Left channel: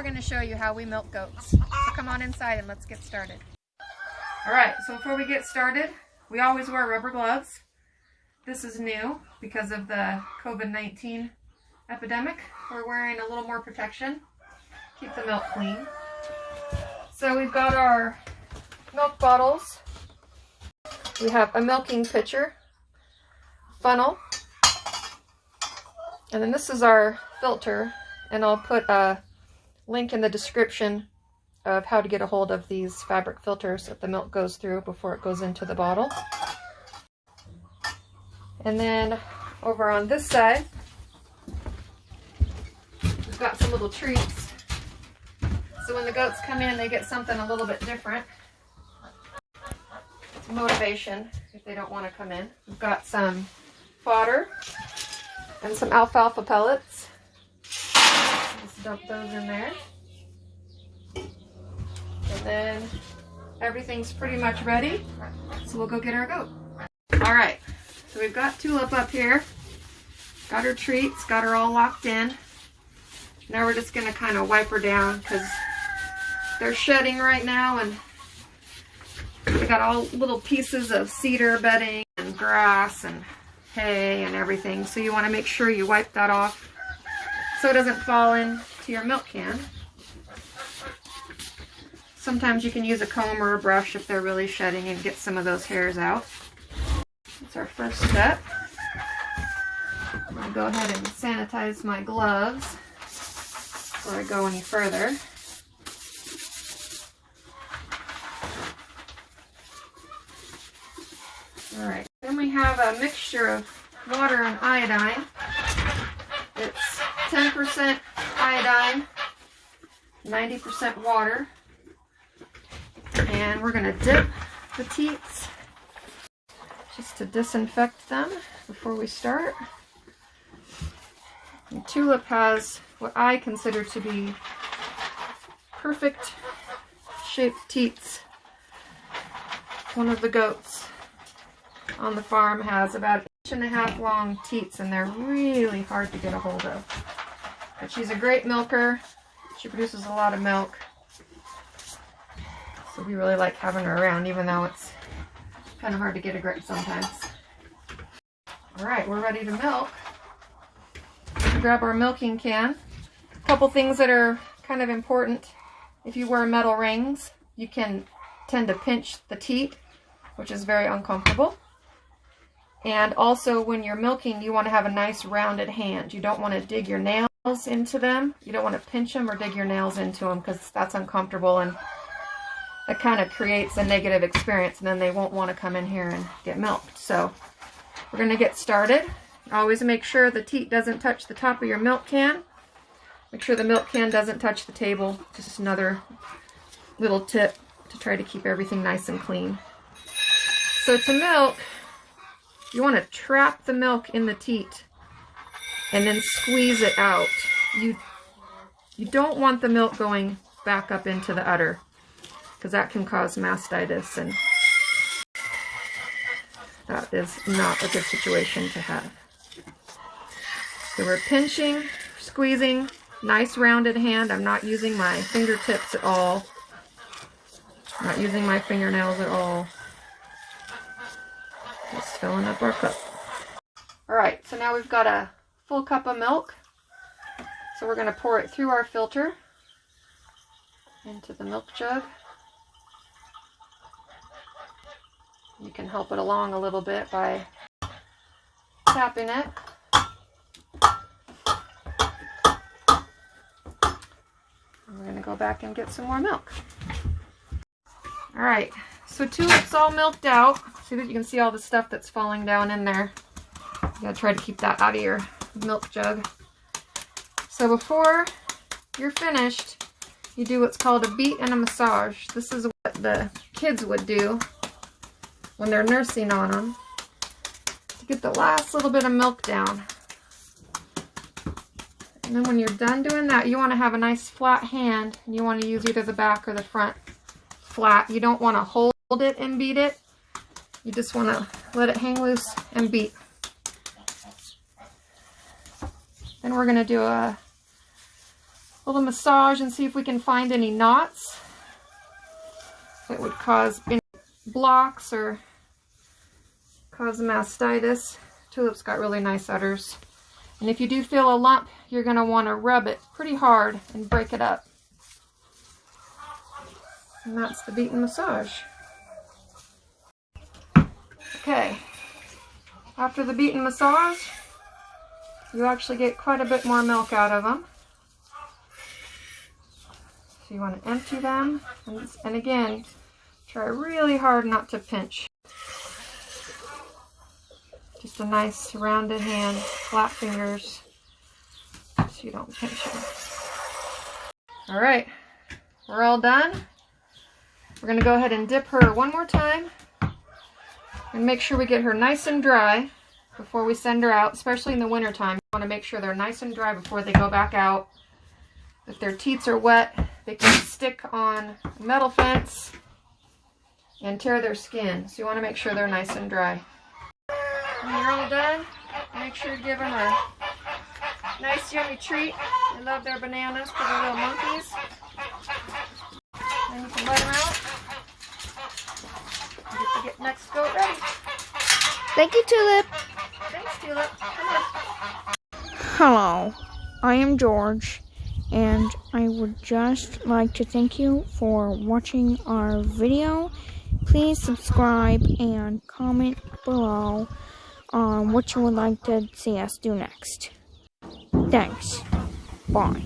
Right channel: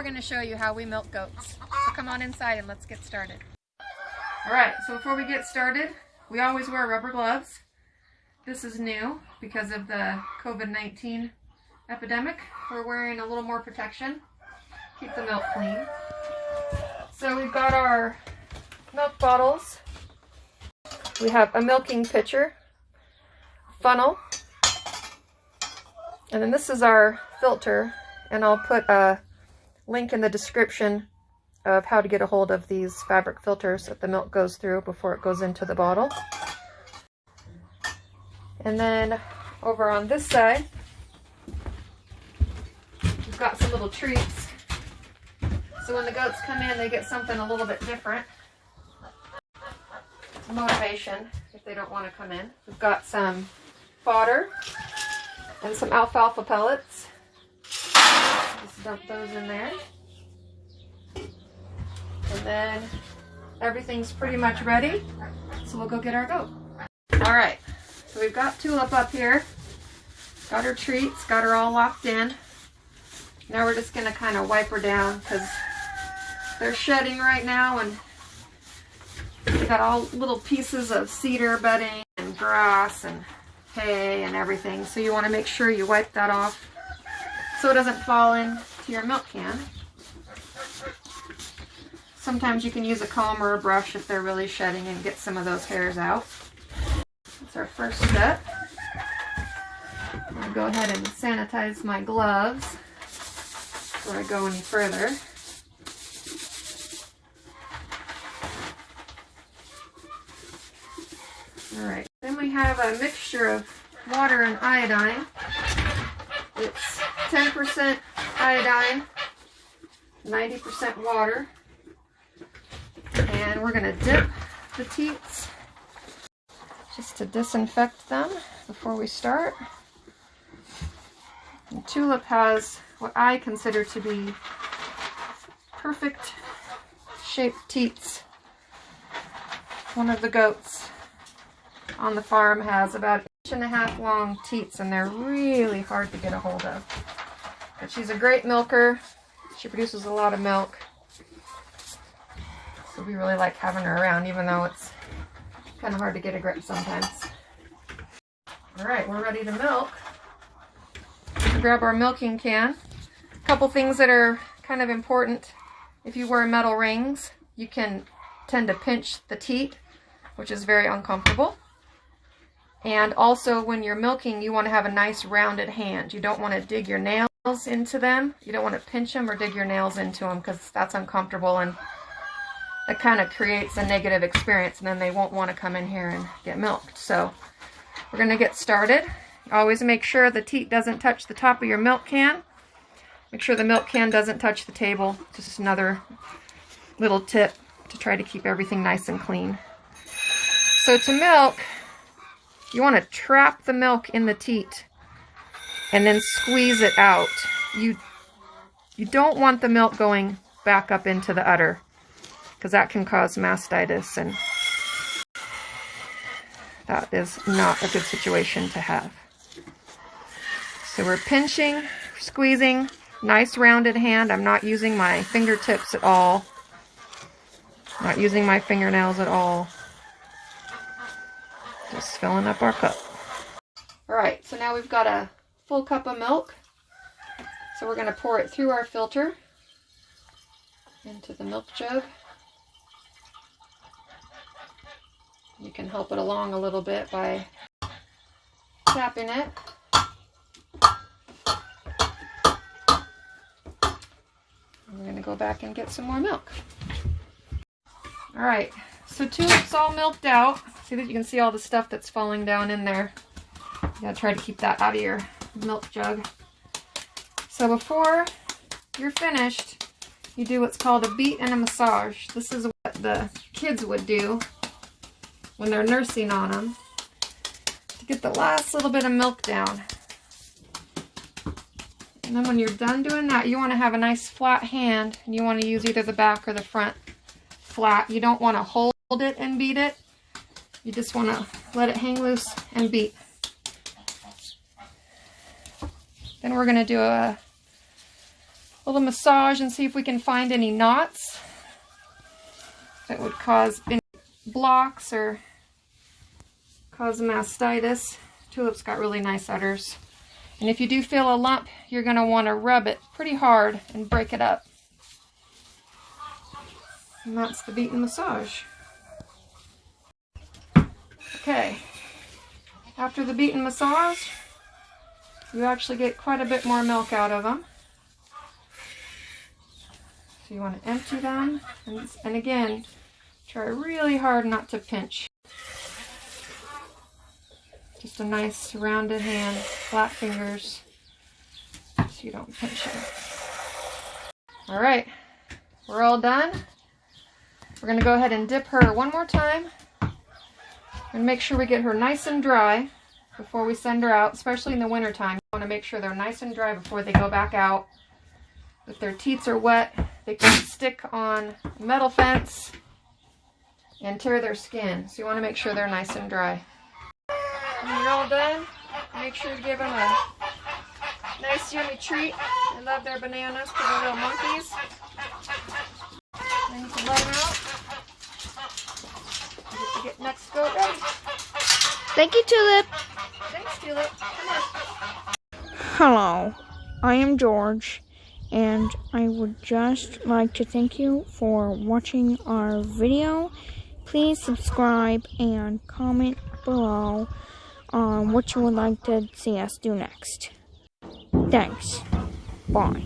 we're going to show you how we milk goats. So come on inside and let's get started. Alright, so before we get started, we always wear rubber gloves. This is new because of the COVID-19 epidemic. We're wearing a little more protection. Keep the milk clean. So we've got our milk bottles. We have a milking pitcher, funnel, and then this is our filter, and I'll put a link in the description of how to get a hold of these fabric filters that the milk goes through before it goes into the bottle. And then over on this side, we've got some little treats. So when the goats come in, they get something a little bit different. It's motivation if they don't want to come in. We've got some fodder and some alfalfa pellets. Just dump those in there. And then everything's pretty much ready. So we'll go get our goat. All right, so we've got Tulip up here. Got her treats, got her all locked in. Now we're just gonna kind of wipe her down because they're shedding right now, and they got all little pieces of cedar bedding and grass and hay and everything. So you want to make sure you wipe that off so it doesn't fall into your milk can. Sometimes you can use a comb or a brush if they're really shedding and get some of those hairs out. That's our first step. I'm going to go ahead and sanitize my gloves before I go any further. Alright, then we have a mixture of water and iodine. It's 10% iodine, 90% water. And we're going to dip the teats just to disinfect them before we start. And Tulip has what I consider to be perfect shaped teats. One of the goats on the farm has about 1.5 inch long teats, and they're really hard to get a hold of. But she's a great milker. She produces a lot of milk. So we really like having her around, even though it's kind of hard to get a grip sometimes. Alright, we're ready to milk. Grab our milking can. A couple things that are kind of important. If you wear metal rings, you can tend to pinch the teat, which is very uncomfortable. And also when you're milking, you want to have a nice rounded hand. You don't want to dig your nails into them. You don't want to pinch them or dig your nails into them because that's uncomfortable, and it kind of creates a negative experience, and then they won't want to come in here and get milked. So we're going to get started. Always make sure the teat doesn't touch the top of your milk can. Make sure the milk can doesn't touch the table. Just another little tip to try to keep everything nice and clean. So to milk, you want to trap the milk in the teat and then squeeze it out. You don't want the milk going back up into the udder, because that can cause mastitis, and that is not a good situation to have. So we're pinching, squeezing, nice rounded hand. I'm not using my fingertips at all. Not using my fingernails at all. Just filling up our cup. Alright, so now we've got a full cup of milk. So we're going to pour it through our filter into the milk jug. You can help it along a little bit by tapping it. And we're going to go back and get some more milk. Alright, so Tulip's all milked out. See that you can see all the stuff that's falling down in there. You gotta try to keep that out of your milk jug. So before you're finished, you do what's called a beat and a massage. This is what the kids would do when they're nursing on them to get the last little bit of milk down. And then when you're done doing that, you want to have a nice flat hand, and you want to use either the back or the front flat. You don't want to hold it and beat it. You just want to let it hang loose and beat. Then we're going to do a little massage and see if we can find any knots that would cause any blocks or cause mastitis. Tulip's got really nice udders. And if you do feel a lump, you're going to want to rub it pretty hard and break it up. And that's the beet and massage. Okay, after the beet and massage, you actually get quite a bit more milk out of them. So you want to empty them, and again, try really hard not to pinch. Just a nice rounded hand, flat fingers, so you don't pinch them. All right, we're all done. We're going to go ahead and dip her one more time and make sure we get her nice and dry before we send her out, especially in the winter time. You want to make sure they're nice and dry before they go back out. If their teats are wet, they can stick on a metal fence and tear their skin. So you want to make sure they're nice and dry. When you're all done, make sure to give them a nice yummy treat. They love their bananas for their little monkeys. Then you can let them out. Get the next goat ready. Thank you, Tulip. Thanks, Tulip. Come on. Hello, I am George, and I would just like to thank you for watching our video. Please subscribe and comment below on what you would like to see us do next. Thanks. Bye.